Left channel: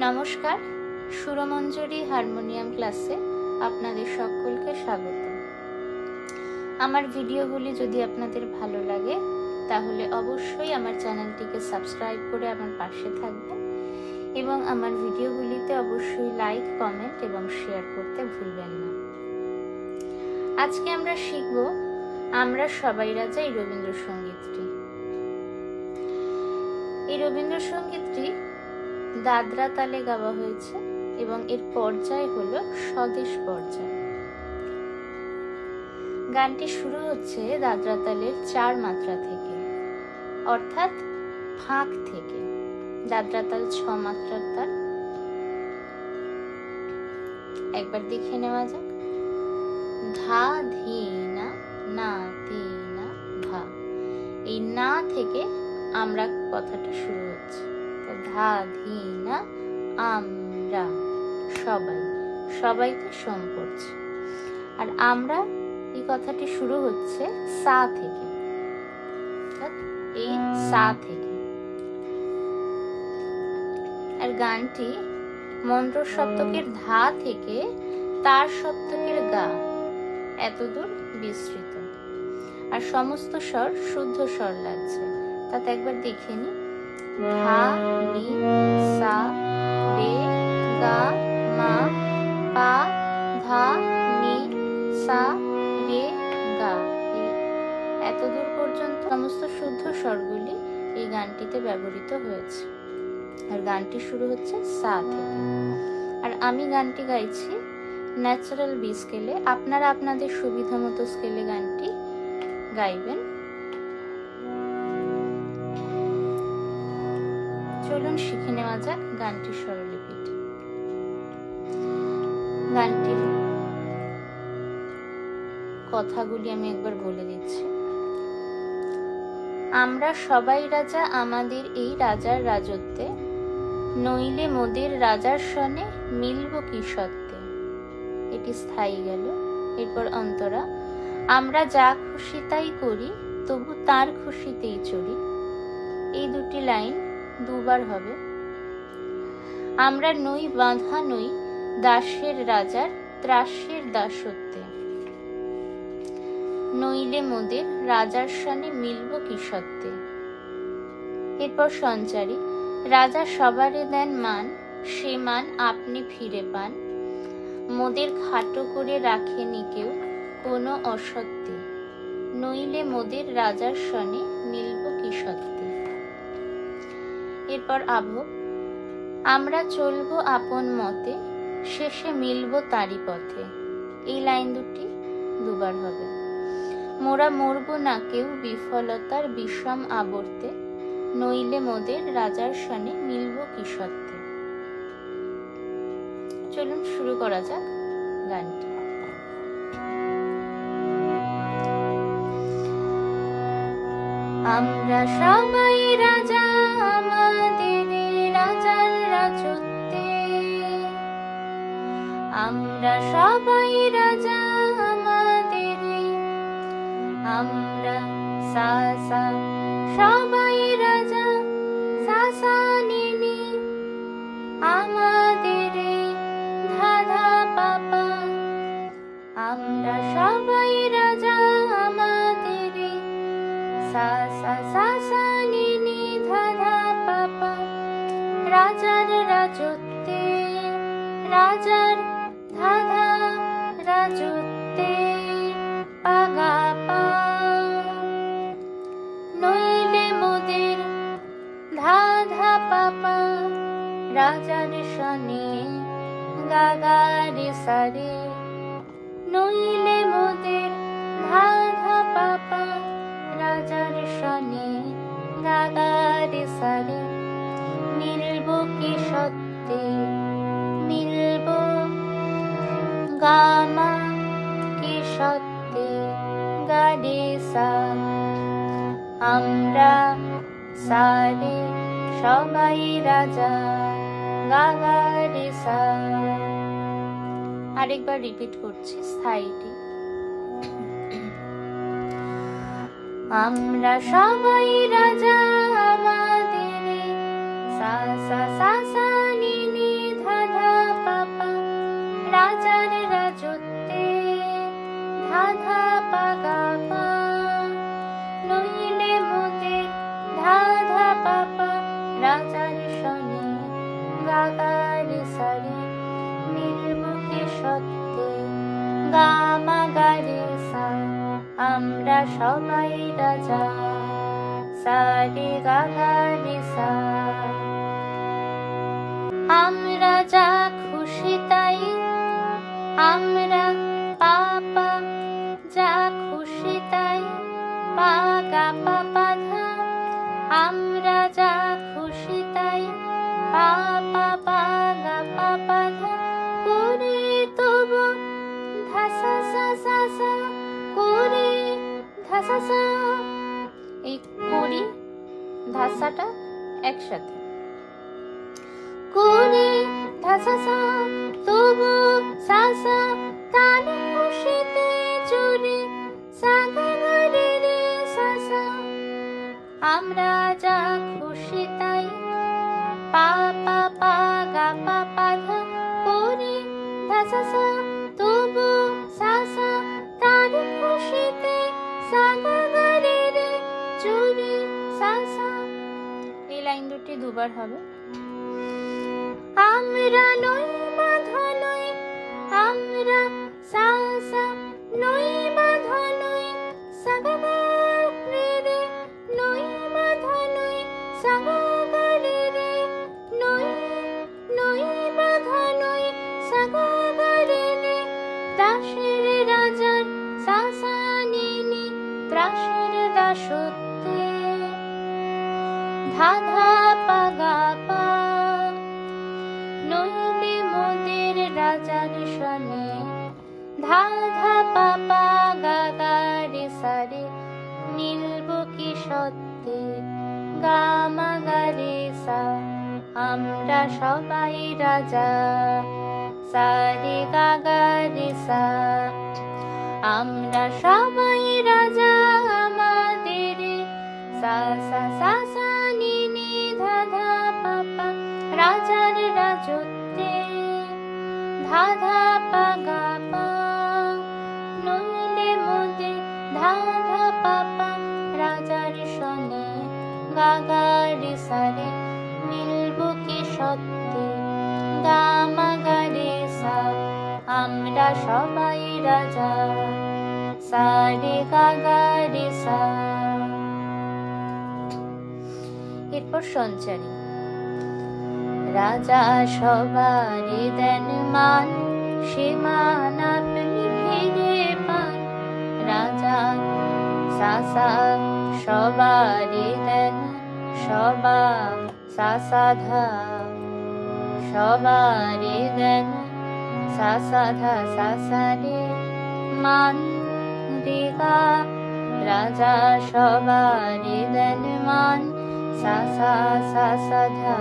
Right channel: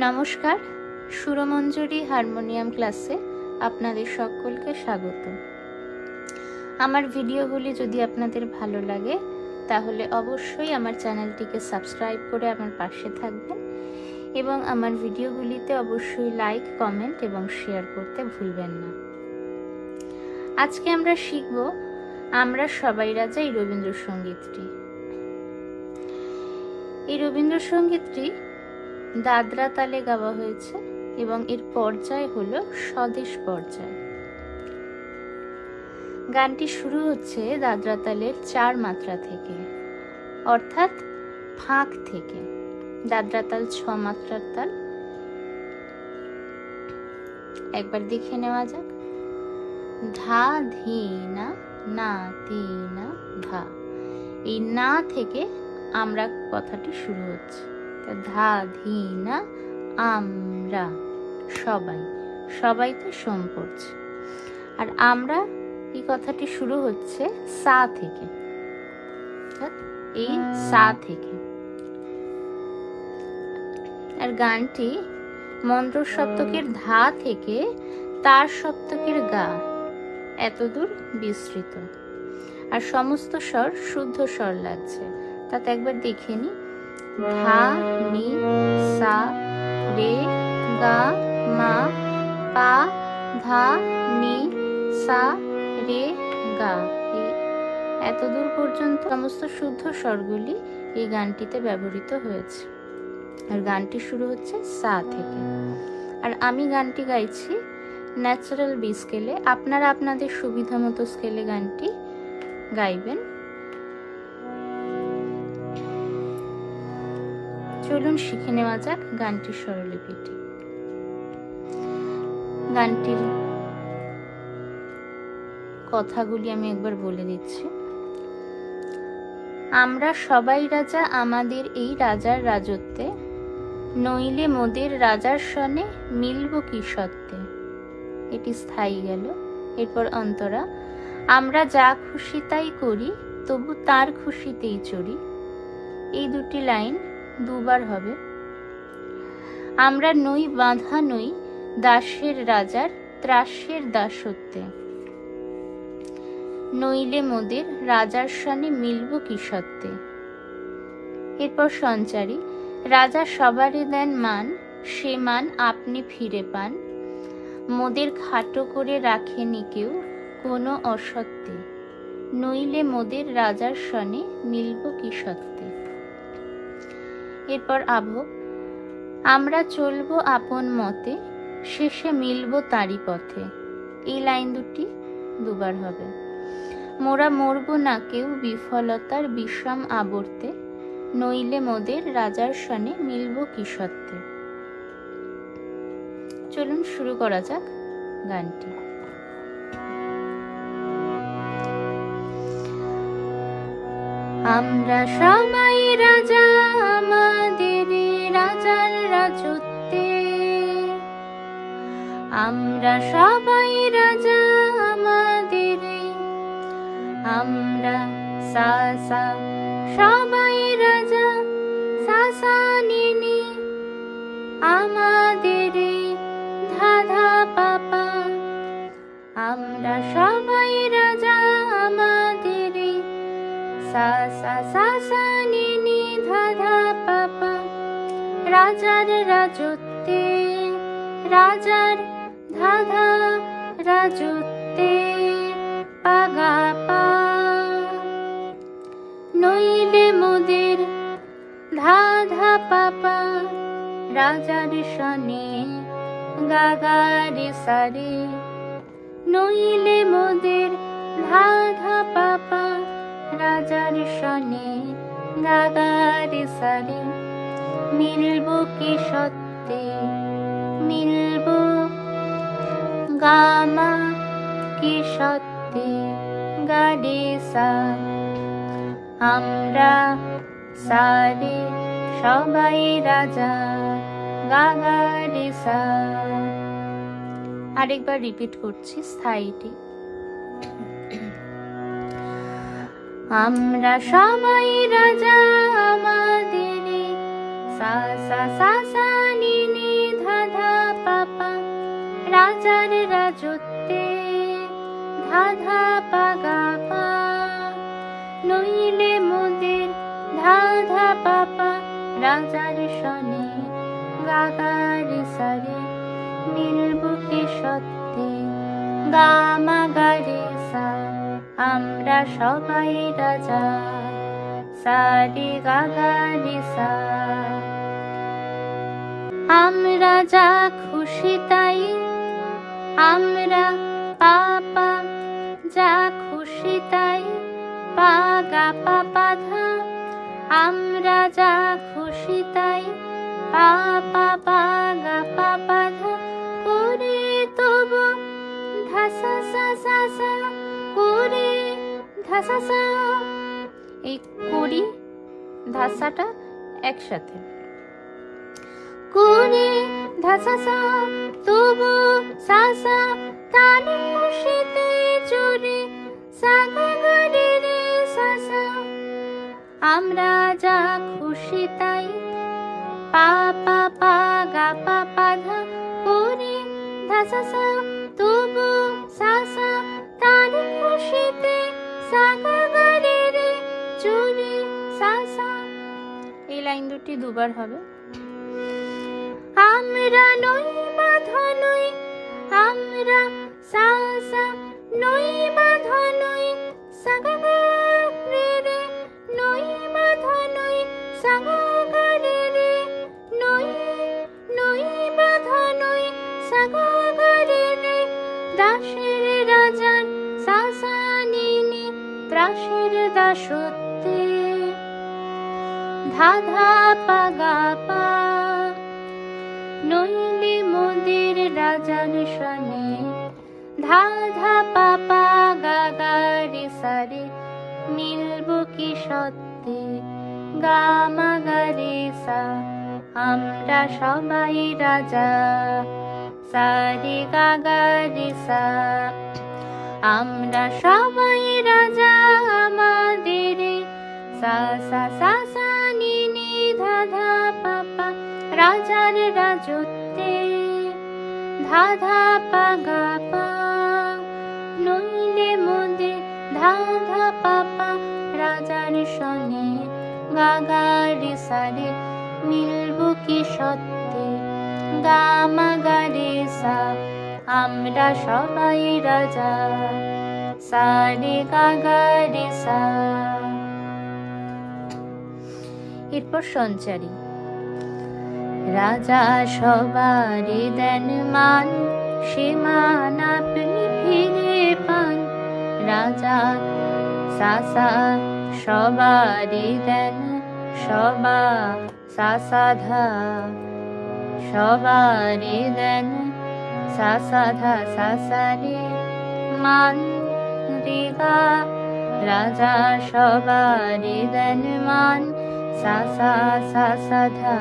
নমস্কার, সুরমঞ্জরি হারমোনিয়াম ক্লাসে আপনাদের সকলকে স্বাগত। আমার ভিডিওগুলি যদি আপনাদের ভালো লাগে তাহলে অবশ্যই আমার চ্যানেলটিকে সাবস্ক্রাইব করে আমার পাশে থাকবেন এবং আমার ভিডিওগুলিতে অবশ্যই লাইক, কমেন্ট এবং শেয়ার করতে ভুলবেন না। আজকে আমরা শিখব আমরা সবাই রাজা এই রবীন্দ্রসঙ্গীতটি। এই রবীন্দ্রসঙ্গীতটি দাদরা তালে গাওয়া হয়েছে এবং এর পর্যায় হলো স্বদেশ পর্যায়। গানটি শুরু হচ্ছে দাদরা তালের 4 মাত্রা থেকে, অর্থাৎ ফাঁক থেকে। দাদরা তাল 6 মাত্রার তাল। একবার দেখে নেওয়া যাক। ধা ধি না, না তি না ধা। এই না থেকে আমরা কথাটি শুরু হচ্ছে। ধা ধি না, আমরা সবাইতে শোন করছে। আর আমরা এই কথাটি শুরু হচ্ছে সা থেকে, এই সা থেকে। আর গানটি মন্ত্র সপ্তকের ধা থেকে তার সপ্তকের গা এতদূর বিস্তৃত। আর সমস্ত স্বর শুদ্ধ স্বর লাগছে। তাতে একবার দেখে নি। ধা, নি, সা, রে, গা, মা, পা, ধা, নি, সা, রে, গা। এতদূর পর্যন্ত সমস্ত শুদ্ধ স্বরগুলি এই গানটিতে ব্যবহৃত হয়েছে। আর গানটি শুরু হচ্ছে সা থেকে। আর আমি গানটি গাইছি ন্যাচারাল বি স্কেলে। আপনারা আপনাদের সুবিধা মতো স্কেলে গানটি গাইবেন। চলুন শিখে নেওয়া যাক গানটির স্বরলিপিটি। গানটির কথাগুলি আমি একবার বলে দিচ্ছি। আমরা সবাই রাজা আমাদের এই রাজার রাজত্বে, নইলে মোদের রাজার সনে মিলব কি সত্ত্বে। এটি স্থায়ী গেল। এরপর অন্তরা। আমরা যা খুশি তাই করি, তবু তার খুশিতেই চড়ি। এই দুটি লাইন দুবার হবে। আমরা নই বাঁধা নই দাসের রাজার ত্রাসের দাসত্বে, নইলে মোদের রাজার সনে মিলব কি সত্ত্বে। এরপর সঞ্চারী। রাজা সবারে দেন মান, সে মান আপনি ফিরে পান। মোদের খাটো করে রাখেনি কেউ কোনো অসত্যে, নইলে মোদের রাজার সনে মিলব কি সত্ত্বে। এরপর আবহ। আমরা চলবো আপন মতে, শেষে মিলব তারই পথে। এই লাইন দুটি দুবার হবে। মোরা মরব না কেউ বিফলতার বিষম আবর্তে, নইলে মোদের রাজার সনে মিলব কি সত্ত্বে। চলুন শুরু করা যাক গানটি। আমরা সবাই রাজা আমাদের রাজার রাজত্বে, আমরা সবাই রাজা আমাদের, আমরা সা সা সবাই রাজা, সা সা নি নি আমাদের, ধা ধা পা পা। আমরা সবাই রাজা আমাদের, সা সা সা সা নি নি ধা ধা পা পা। রাজার রাজত্বে, রাজার ধা ধা রাজত্বে, পা গা পা। নইলে মোদের ধা ধা পা পা, রাজার সনে গা গা রে সা রে। নইলে মোদের ধা ধা পা পা, রাজার সনে গা গা রে সা রে। মিলব কি সত্ত্বে, মিলব গা মা কি সত্ত্বে, গা রে সা। আমরা সা রে সবাই রাজা, গা গা রে সা। আরেকবার রিপিট করছি স্থায়ীটি। আমরা সবাই রাজা আমাদের, সা সা সা সা নি নি সবারই দেন মান, সীমান আপনি ভেঙে পান। রাজা সাসা সবারই দেন, সবা সাসা ধা সবারই দেন, সাসা ধা সাসা রে মান রেগা। রাজা সবারই দেন মান, সাসা সাসা ধা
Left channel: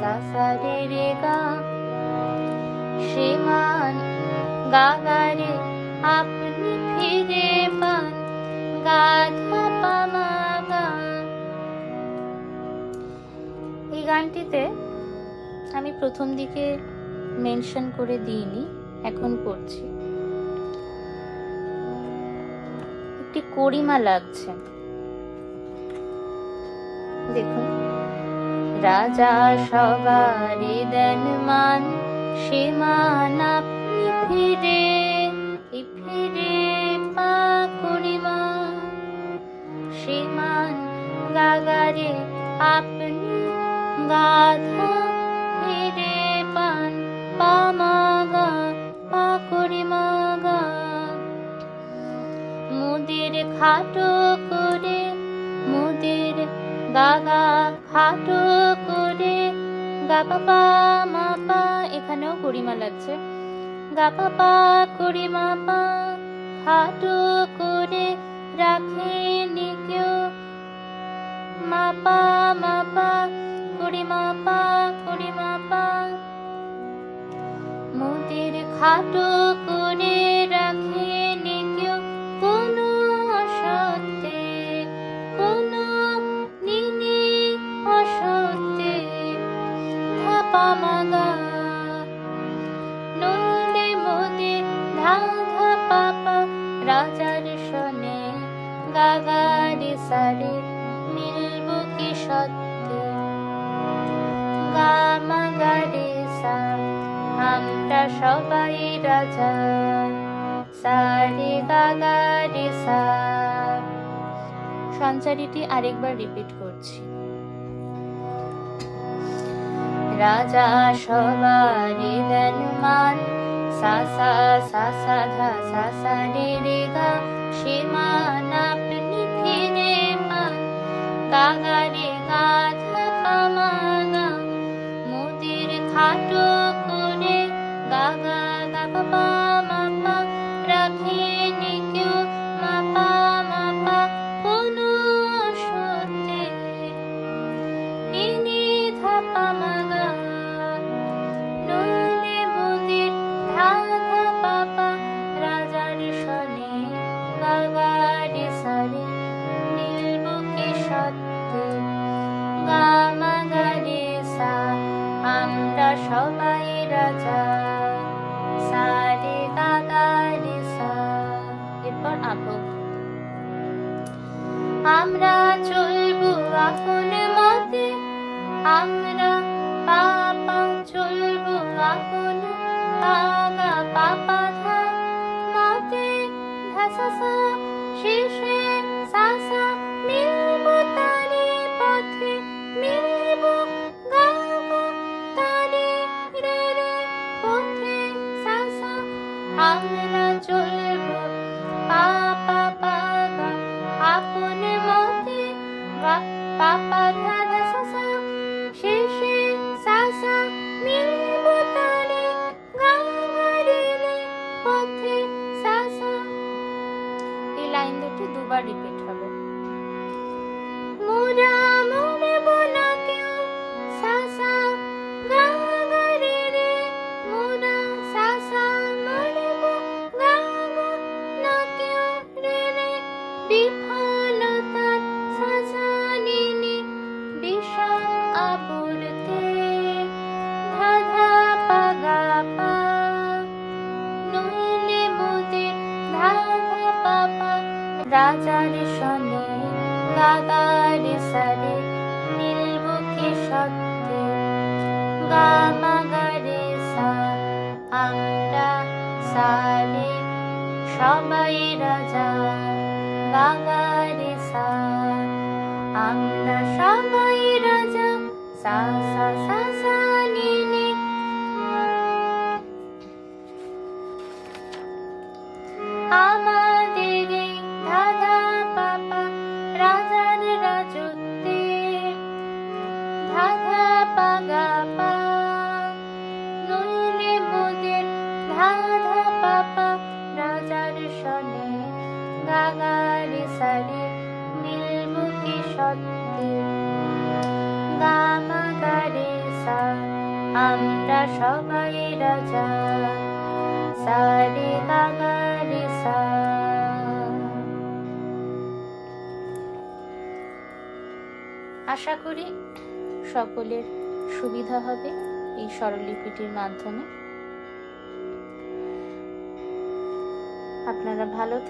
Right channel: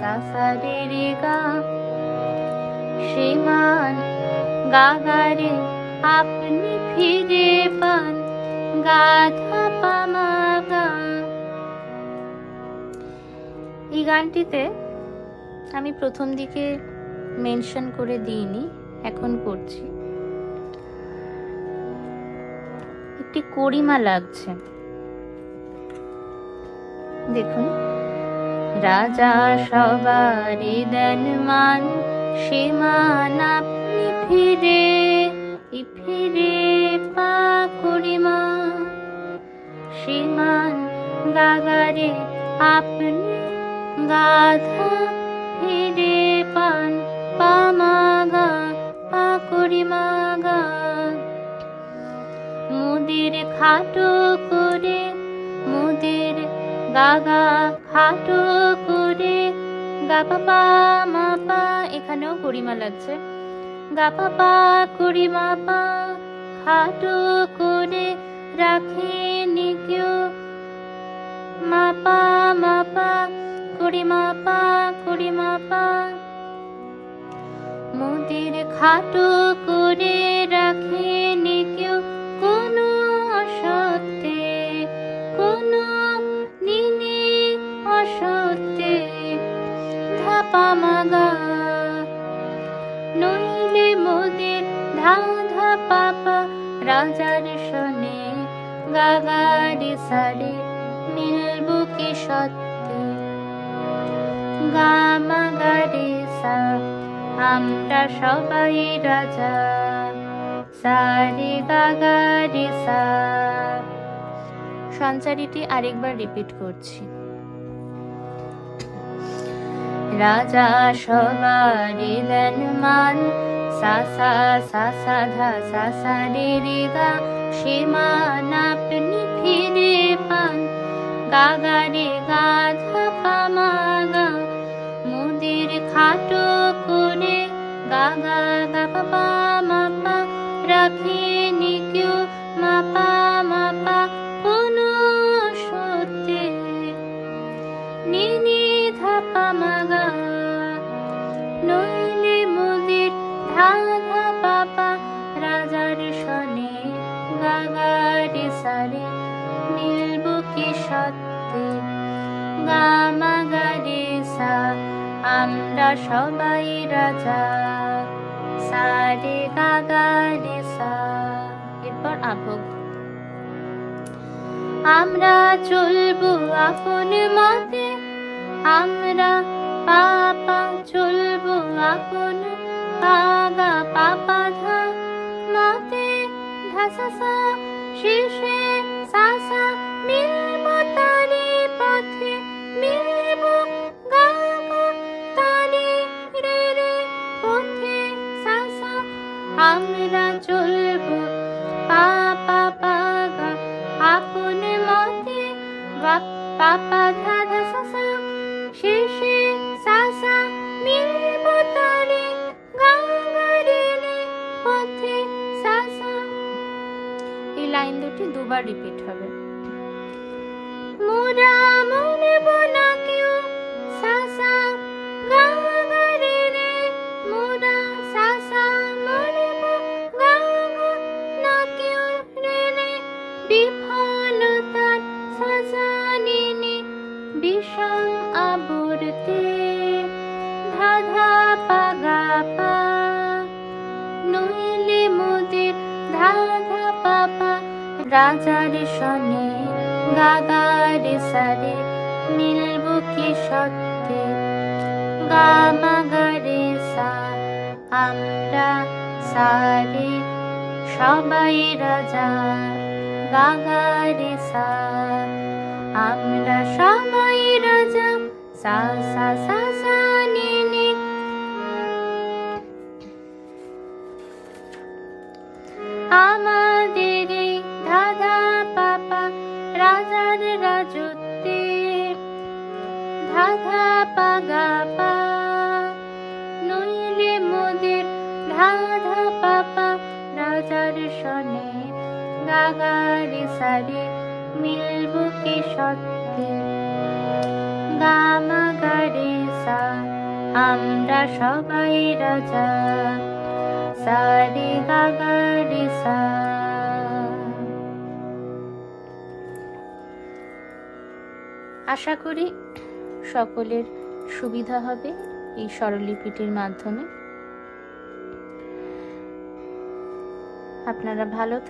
সাসা রে রেগা। সীমান গাগারে আপনি ফিরে পান, গাধা পামাগা। এই গানটিতে আমি প্রথম দিকে মেনশন করে দিইনি, এখন করছি। একটি গরিমা লাগছে, দেখুন। রাজা সবারই দেন মান, সীমান আপনি ফিরে ফিরে পা গরিমা। সীমান গাগারে আপনি গাধা ফিরে পান, পামাগা পা গরিমা গা। মুদির খাটো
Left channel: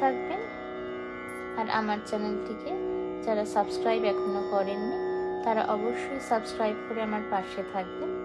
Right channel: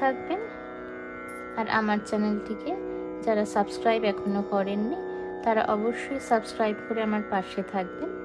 থাকবেন। আর আমার চ্যানেলটিকে যারা সাবস্ক্রাইব এখনো করেননি তারা অবশ্যই সাবস্ক্রাইব করে আমার পাশে থাকবেন।